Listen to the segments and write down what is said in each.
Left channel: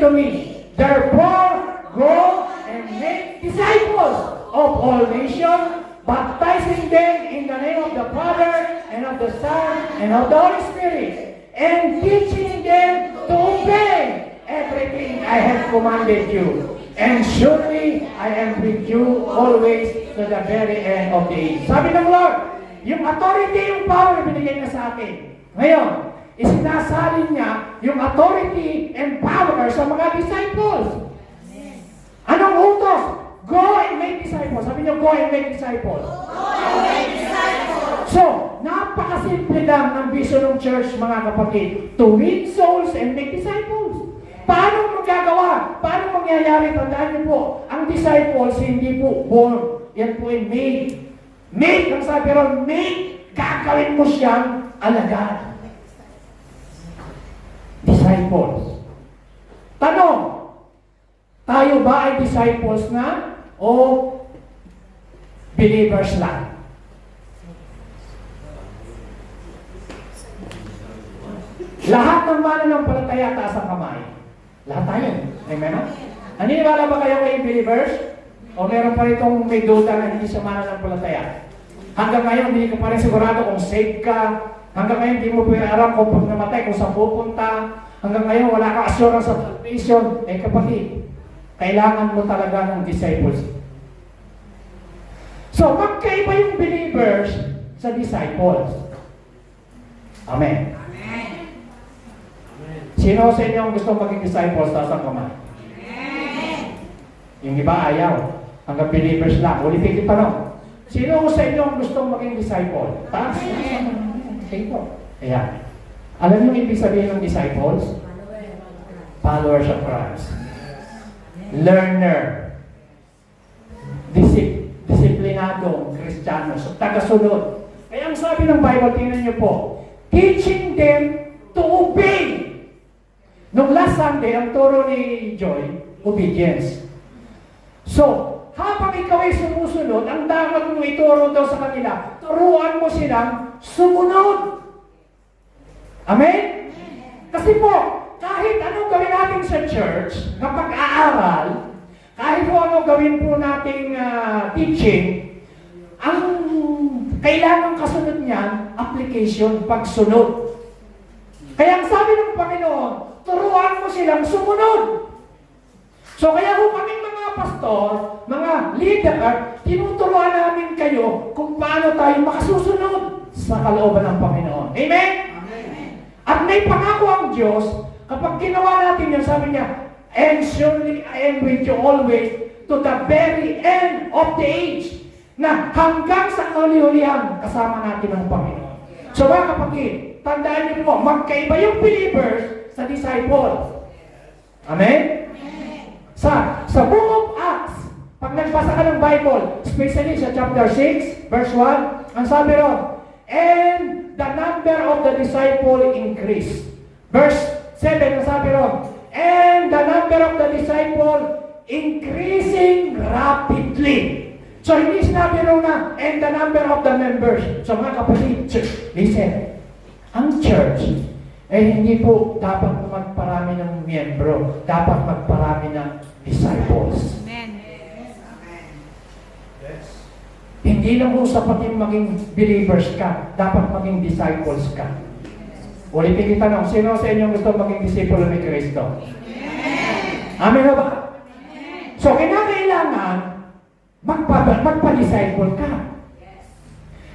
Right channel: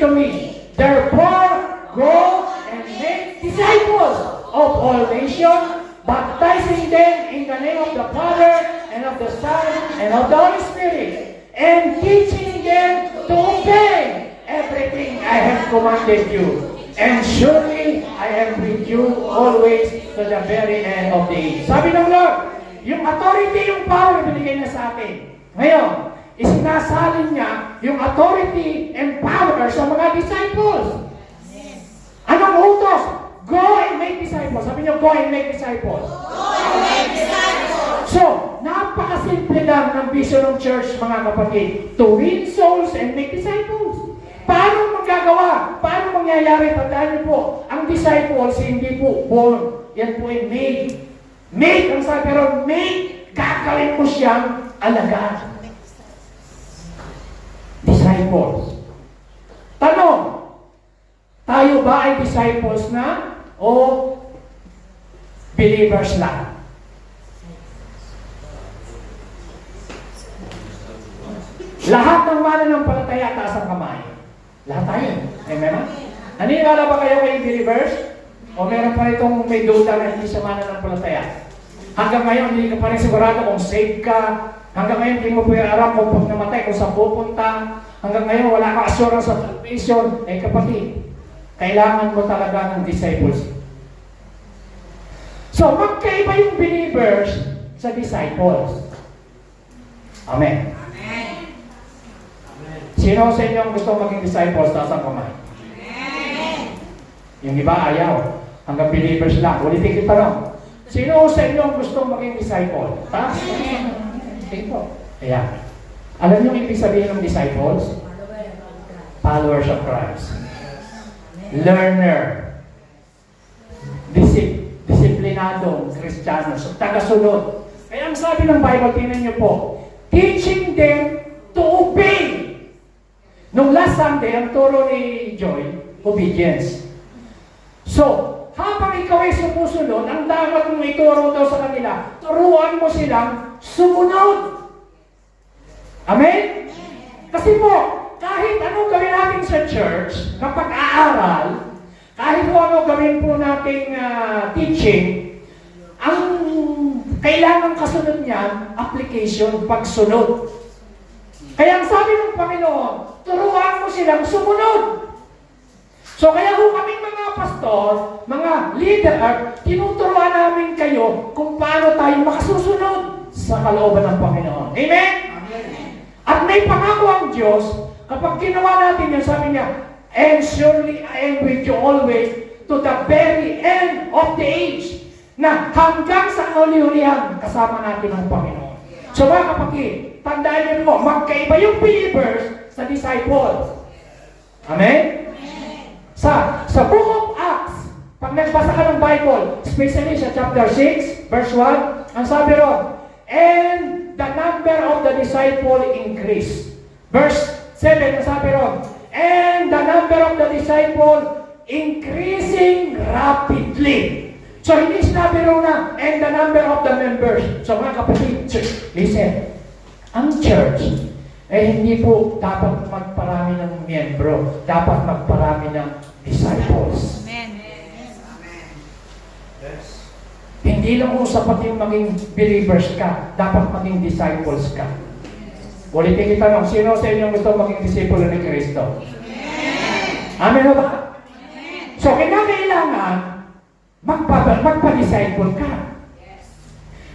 to me, therefore, go and make disciples of all nations, baptizing them in the name of the Father, and of the Son, and of the Holy Spirit, and teaching them to obey everything I have commanded you. And surely I am with you always to the very end of the age. Sabi ng Lord, yung authority, yung power, binigay niya sa atin. Ngayon, isinasalin niya yung authority and power sa mga disciples. Anong utos? Go and make disciples. Sabi niyo, go and make disciples. Go and make disciples. So, napakasimple lang ng vision ng church, mga kapatid. To win souls and make disciples. Paano magagawa? Paano mangyayari? Tandaan niyo po, ang disciples hindi po born. Yan po ay made. Made, ang sabi rin, made. Gagawin mo siyang alagaan. Disciples. Tanong, tayo ba ay disciples na o believers lang? Lahat ng mananampalataya, taas ang kamay. Lahat tayo. Amen? Naniniwala ba kayo kay believers? O meron pa ritong may duda na hindi siya mananampalataya? Hanggang ngayon, hindi ka pa rin sigurado kung saved ka. Hanggang ngayon, hindi mo po alam kung pag namatay, kung saan pupunta. Hanggang ngayon, wala ka assurance of salvation. Eh kapatid, kailangan mo talaga ng disciples. So, magkaiba yung believers sa disciples. Amen. Sino sa inyo ang gusto maging disciples? Taas ang kamay. Yung iba ayaw. Hanggang believers lang. Ulitin kita lang. Sino sa inyo ang gusto maging disciple? Taas. Ito. Ayan. Alam niyo ibig sabihin ng disciples? Followers of Christ. Learner. Disiplinado. Kristiyano. Tagasunod. Kaya ang sabi ng Bible, tingnan niyo po, teaching them to obey. Nung last Sunday, ang turo ni Joy, obedience. So, habang ikaw ay sumusunod, ang dapat mong ituro daw sa kanila, turuan mo silang sumunod. Amen? Kasi po, kahit anong gawin natin sa church, na pag-aaral, kahit po anong gawin po nating teaching, ang kailangan kasunod niyan, application, pagsunod. Kaya ang sabi ng Panginoon, turuan mo silang sumunod. So kaya kung kaming mga pastor, mga leader, tinuturuan namin kayo kung paano tayo makasusunod sa kalooban ng Panginoon. Amen? Amen. At may pangako ang Diyos, kapag ginawa natin yun, sabi niya, and surely I am with you always to the very end of the age, na hanggang sa uli-ulihan, kasama natin ang Panginoon. So mga kapatid, tandaan niyo po, magkaiba yung believers sa disciples. Amen? Sa Book of Acts, pag nagbasa ka ng Bible, especially sa chapter 6, verse 1, ang sabi ron, and the number of the disciple increased. Verse 7, ang sabi ron, and the number of the disciple increasing rapidly. So, hindi sinabi ron na, and the number of the members. So, mga kapatid, listen, ang church, hindi po dapat magparami ng miyembro, dapat magparami ng disciples. Amen. Yes. Hindi lang po sapat yung maging believers ka, dapat maging disciples ka. Ulitin kita lang, sino sa inyo gusto maging disipulo ni Kristo? Amen o ba? So, kailangan magpa-disciple ka.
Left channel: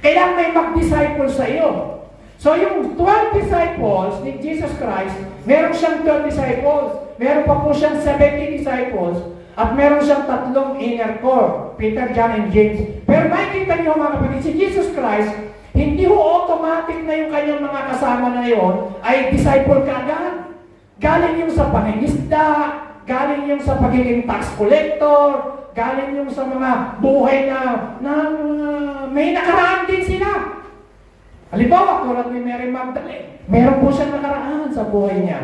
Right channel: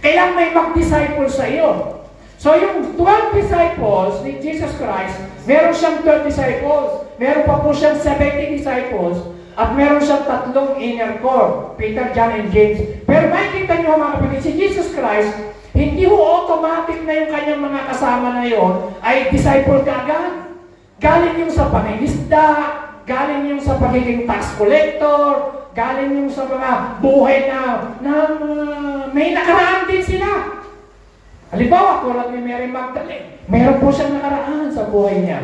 Kailangan may mag-disciple sa iyo. So, yung 12 disciples ni Jesus Christ, meron siyang 12 disciples, meron pa po siyang 70 disciples, at meron siyang 3 inner core, Peter, John, and James. Pero makikita niyo mga kapatid, si Jesus Christ, hindi ho automatic na yung kanyang mga kasama na yon ay disciple ka agad. Galing yung sa pangingisda, galing yung sa pagiging tax collector, galing yung sa mga buhay na may nakaraan din sila. Halimbawa, tulad ni Mary Magdalene, meron po siyang nakaraan sa buhay niya.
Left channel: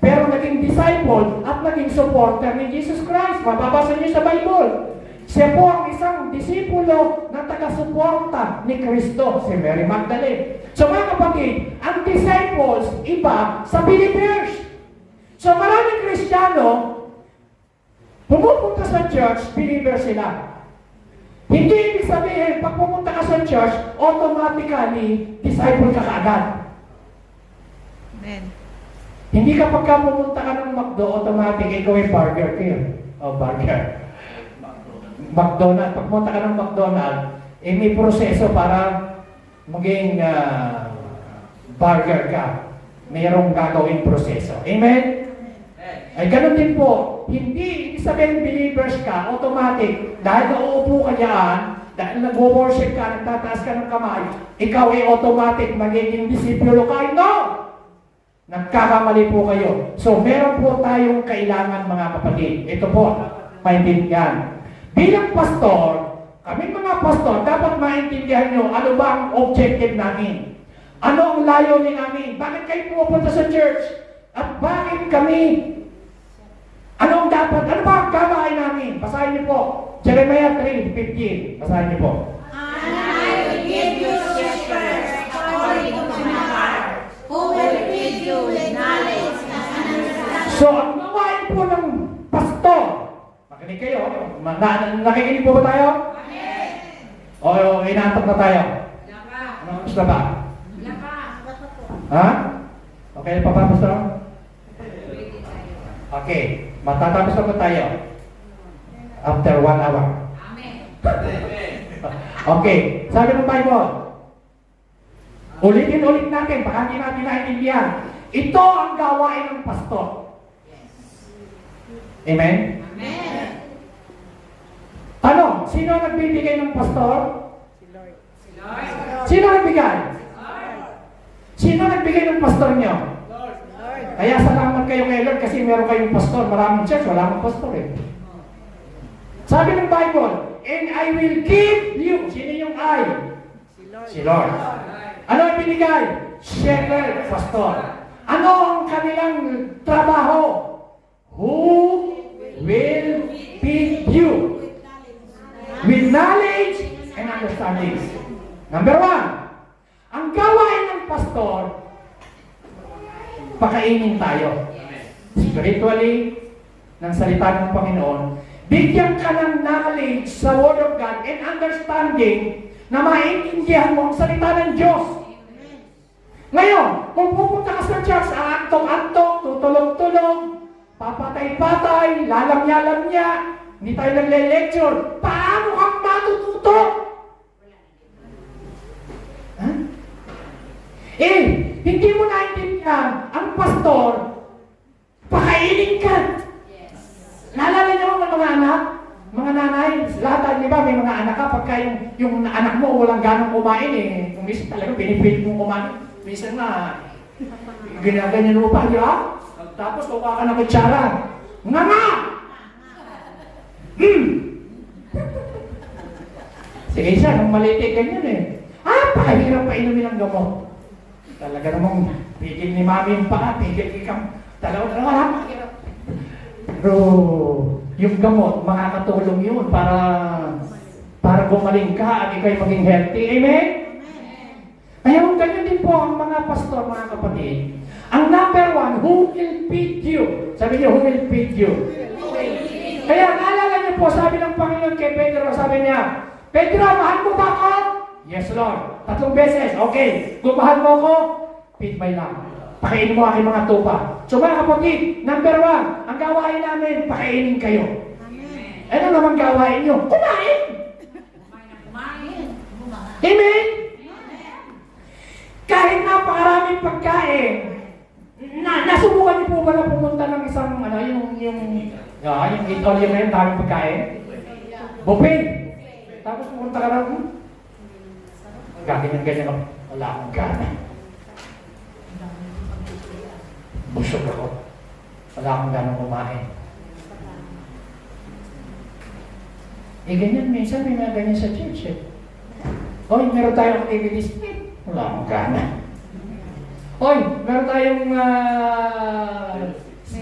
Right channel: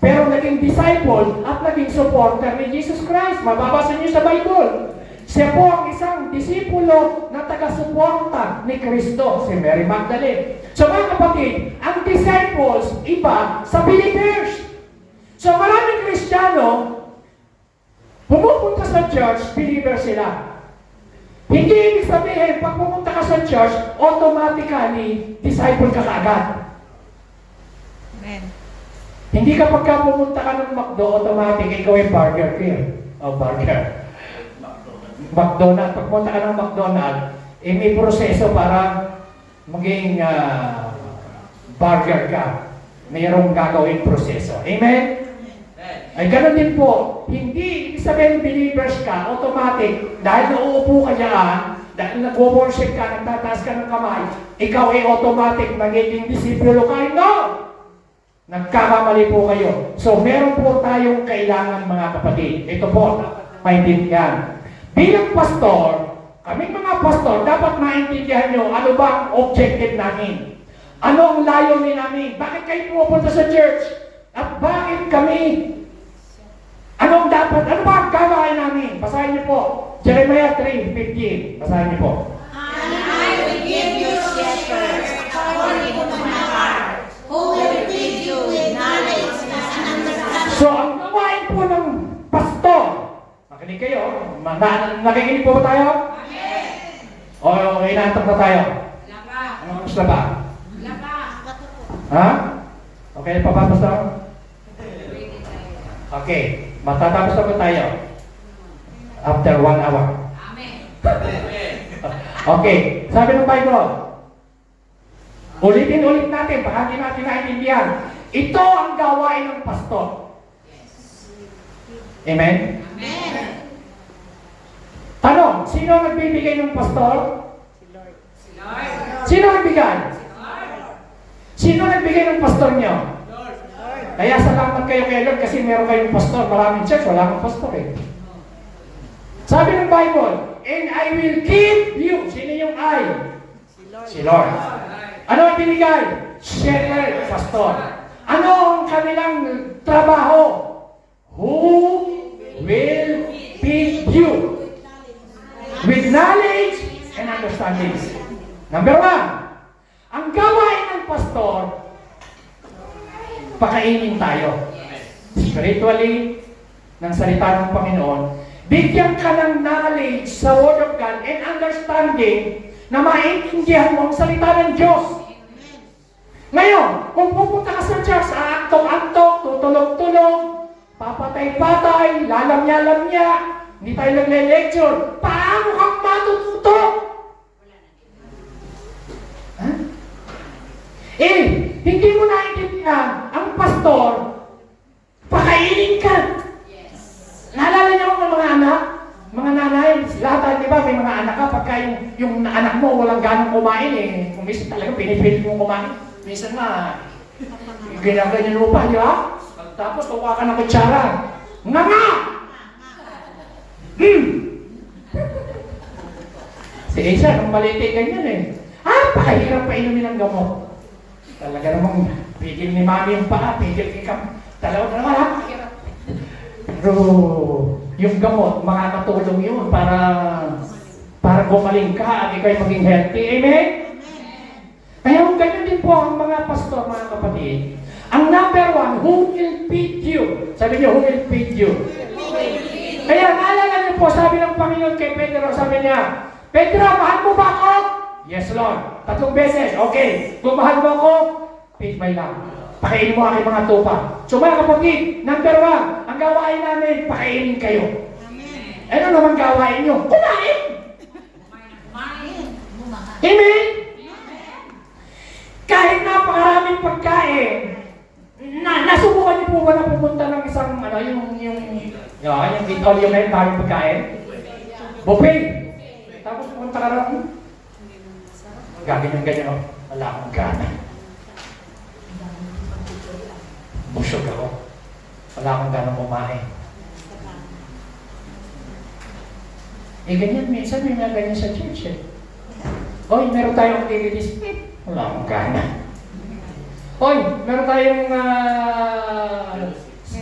Pero naging disciple at naging supporter ni Jesus Christ. Mababasa niyo sa Bible. Siya po ang isang disipulo na taga-suporta ni Kristo, si Mary Magdalene. So mga kapatid, ang disciples, iba sa believers. So maraming Kristiyano, pumupunta sa church, believer sila. Hindi ibig sabihin, pag pumunta ka sa church, automatically, disciple ka kaagad. Amen. Hindi kapag ka pumunta ka ng McDo, automatic, ikaw ay burger king. O burger. McDonald's. Pag pumunta ka ng McDonald's, may proseso para maging burger ka. Mayroong gagawin proseso. Amen? Ay ganun din po. Hindi ibig sabihin believers ka, automatic, dahil nauupo ka dyan, dahil nag-worship ka, nagtataas ka ng kamay, ikaw ay automatic magiging disipulo ka. No! Nagkakamali po kayo. So, meron po tayong kailangan mga kapatid. Ito po, maintindihan. Bilang pastor, kaming mga pastor, dapat maintindihan nyo ano ba ang objective namin. Ano ang layunin namin? Bakit kayo pupunta sa church? At bakit kami? Ano ba ang gawain namin? Basahin niyo po. Jeremiah 3:15. Basahin niyo po. And I will give you shepherds according to my heart, who will feed you with knowledge and understanding. So, ang gawain po ng pastor, makinig kayo, nakikinig po ba tayo? Amen. O inaantok na tayo? Wala pa. Ano oras na ba? Wala pa. Ha? Okay pa ba, pastor? Okay, matatapos na po tayo. After 1 hour. Amen. Okay, sabi ng Bible, ulitin-ulit natin, baka hindi natin naintindihan. Ito ang gawain ng pastor. Amen? Amen. Tanong, sino ang nagbibigay ng pastor? Si Lord. Si Lord. Sino ang nagbigay? Lord. Sino ang nagbigay ng pastor niyo? Lord. Kaya salamat kayo kay Lord kasi meron kayong pastor. Maraming church, wala akong pastor eh. Sabi ng Bible, and I will give you. Sino yung I? Si Lord. Si Lord. Ano ang binigay? Shepherd, pastor. Ano ang kanilang trabaho? Who will feed you with knowledge and understanding? Number 1, ang gawain ng pastor, pakainin tayo. Spiritually, ng salita ng Panginoon, bigyan ka ng knowledge sa Word of God and understanding na maintindihan mo ang salita ng Diyos. Ngayon, kung pupunta ka sa church, antok-antok, tutulog-tulog, papatay-patay, lalamya-lamya, hindi tayo nagle-lecture, paano kang matututo? Huh? Hindi mo naintindihan, ang pastor, pakainin ka. Naalala niyo mga anak? Mga nanay, lahat di ba may mga anak ka, pagka yung anak mo walang ganong kumain eh. Kung minsan talaga pinipilit mong kumain. Minsan nga, ganyan mo pa, di ba? Tapos kuha ka ng kutsara. Nga! Si Isa, nung maliti ganyan eh. Pakahirap pa inumin ang gamot. Talaga namang pigil ni mami yung paa, pigil ikam. Dalawa, pakahirap. Pero yung gamot, makakatulong yun para gumaling ka at ikaw'y maging healthy. Amen? Kaya ganyan din po ang mga pastor, mga kapatid. Ang number 1, who will feed you? Sabi niyo, who will feed you? Kaya naalala niyo po, sabi ng Panginoon kay Pedro, sabi niya, Pedro, mahal mo ba ako? Yes, Lord. 3 beses. Okay. Kung mahal mo ako, feed my lamb. Pakainin mo aking mga tupa. So mga kapatid, number 1, ang gawain namin, pakainin kayo. Amen. Ano naman gawain nyo? Kumain! Kumain. Amen? Kahit napakaraming pagkain, nasubukan niyo po ba na pumunta ng isang, yung all yung na daming pagkain? Buffet. Tapos pumunta ka na, ganyan, wala akong gana. Busog ako. Wala akong ganang kumain. Ganyan, minsan may mga ganyan sa church eh. Oy, meron tayong activities. Wala akong gana. Oy, meron tayong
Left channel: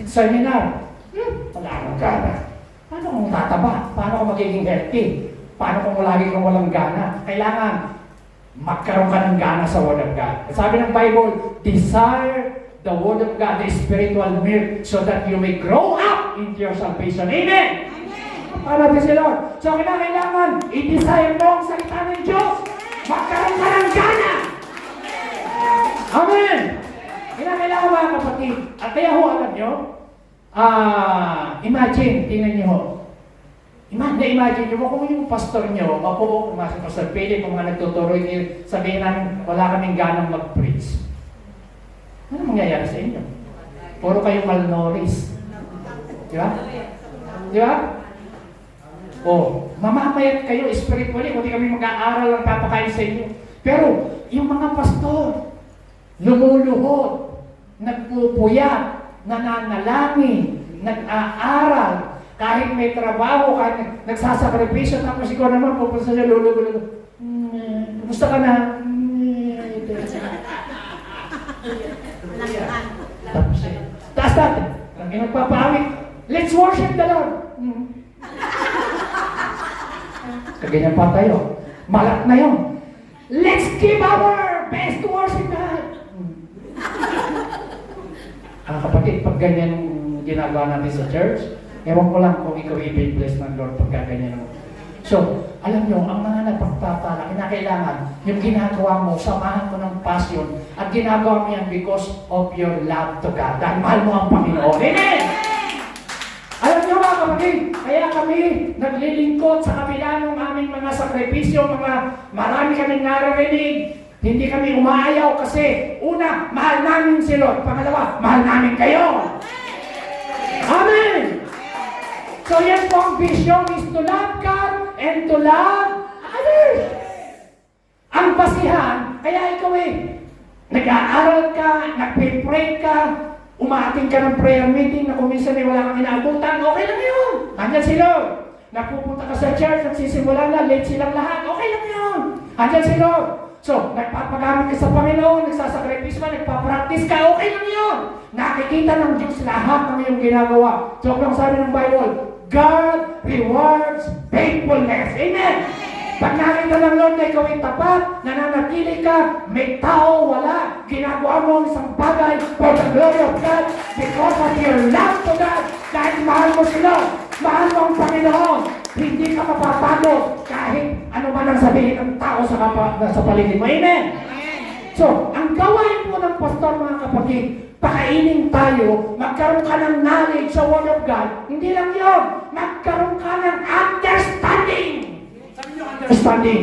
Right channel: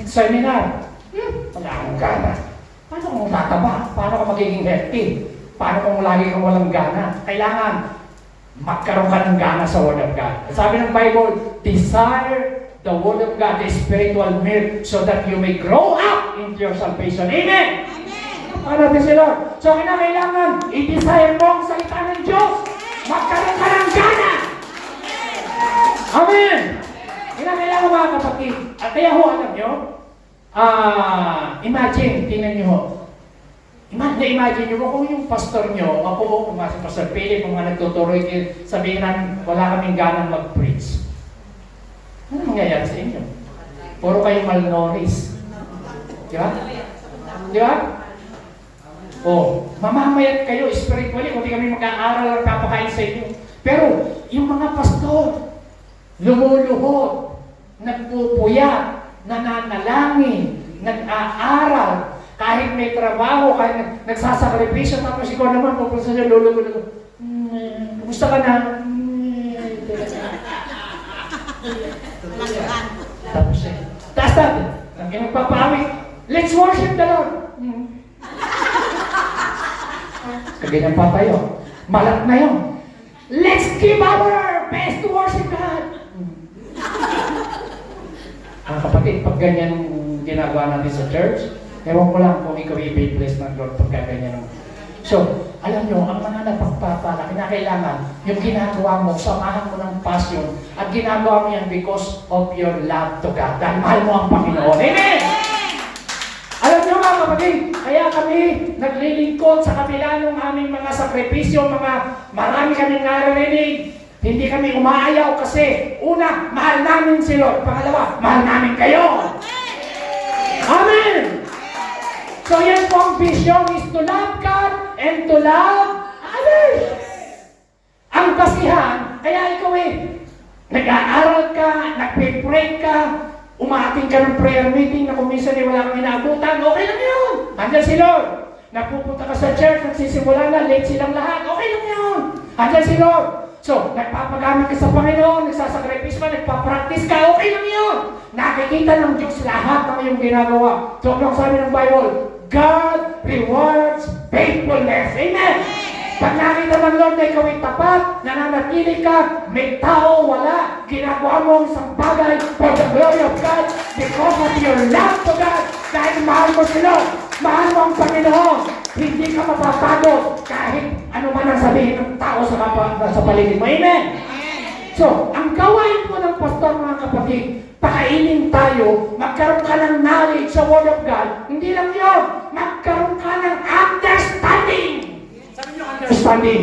seminar. Wala akong gana. Paano kung tataba? Paano kung magiging healthy? Paano kung lagi kang walang gana? Kailangan magkaroon ka ng gana sa Word of God. Sabi ng Bible, desire the Word of God, the spiritual milk, so that you may grow up into your salvation. Amen! Para natin si Lord. So, kailangan i-desire mo ang salita ng Diyos. Magkaroon ka ng gana. Amen! Kailangan mga kapatid. At kaya ho, alam nyo, imagine, tingnan nyo ho. Imagine nyo kung yung pastor nyo, ako, kung si Pastor Philip, kung nagtuturo, sabihin namin, wala kaming ganang mag-preach. Ano mangyayari sa inyo? Puro kayo malnourished. Di ba? Di ba? O, mamamayat kayo spiritually, hindi kami mag-aaral ang papakain sa inyo. Pero, yung mga pastor, lumuluhod, nagpupuyat, nananalangin, nag-aaral, kahit may trabaho, kahit nagsasakripisyo, tapos ikaw naman, pupunta sa niyo, luluhod. Kumusta ka na? Tapos taas natin. Ang nagpapamit, let's worship the Lord. Ganyan pa tayo. Malat na yun. Let's give our best to worship God. Ang kapatid, pag ganyan ginagawa natin sa church, ewan ko lang kung ikaw i-bless ng Lord pagka ganyan. So, alam nyo, ang mga napagpapala, kinakailangan, yung ginagawa mo, samahan mo ng passion, at ginagawa mo yan because of your love to God. Dahil mahal mo ang Panginoon. Amen! Alam nyo mga kapatid, kaya kami naglilingkod sa kabila ng aming mga sakripisyo, marami kaming naririnig. Hindi kami umaayaw kasi, una, mahal namin si Lord. Pangalawa, mahal namin kayo. Amen! So yan po ang vision is to love God and to love others. Ang basihan, kaya ikaw nag-aaral ka, nagpe-pray ka, umaating ka ng prayer meeting na kung minsan wala kang inaabutan, okay lang yun. Andyan si Lord. Napupunta ka sa church, nagsisimula na, late silang lahat, okay lang yun. Andyan si Lord. So, nagpapagamit ka sa Panginoon, nagsasakripisyo ka, nagpapractice ka, okay lang yun. Nakikita ng Diyos lahat ng iyong ginagawa. So, ang sabi ng Bible, God rewards faithfulness. Amen! Pag nakita ng Lord na ikaw ay tapat, nananatili ka, may tao, wala, ginagawa mo ang isang bagay for the glory of God because of your love to God. Dahil mahal mo si Lord, mahal mo ang Panginoon, hindi ka mapapagod kahit ano man ang sabihin ng tao sa paligid mo. Amen! So, ang gawain mo ng pastor mga kapatid, pakainin tayo, magkaroon ka ng knowledge sa Word of God. Hindi lang yun, magkaroon ka ng understanding. Sabi nyo, understanding.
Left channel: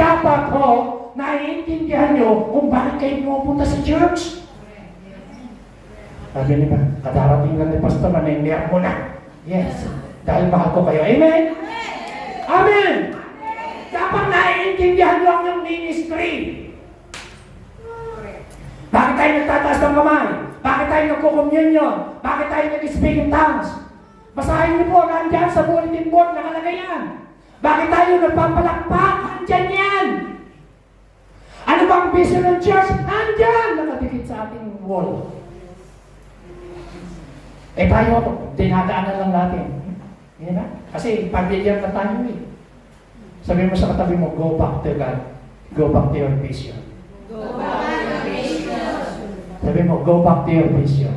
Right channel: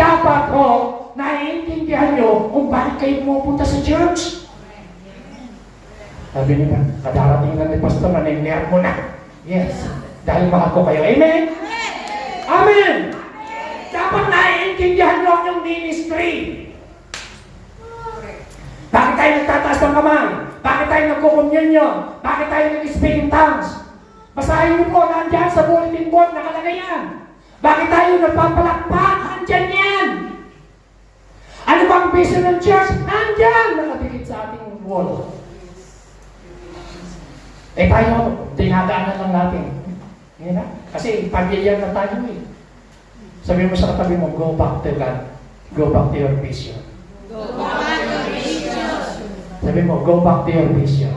Dapat po, naiintindihan nyo kung bakit kayo pupunta sa church. Sabi nyo ba, kadarating lang ni pastor na nervo na. Yes, dahil mahal ko kayo. Amen? Amen! Dapat naiintindihan nyo ang yung ministry. Bakit tayo nagtataas ng kamay? Bakit tayo nagko-communion? Bakit tayo nag-speak in tongues? Basahin niyo po, nandyan sa bulletin board, nakalagay yan. Bakit tayo nagpapalakpak? Nandyan yan. Ano bang vision ng church? Nandyan! Nakadikit sa ating wall. Tayo, dinadaanan lang natin. Yan na. Kasi pamilyar na tayo Sabi mo sa katabi mo, go back to God. Go back to your vision. Go back to your vision. Sabi mo, go back to your vision.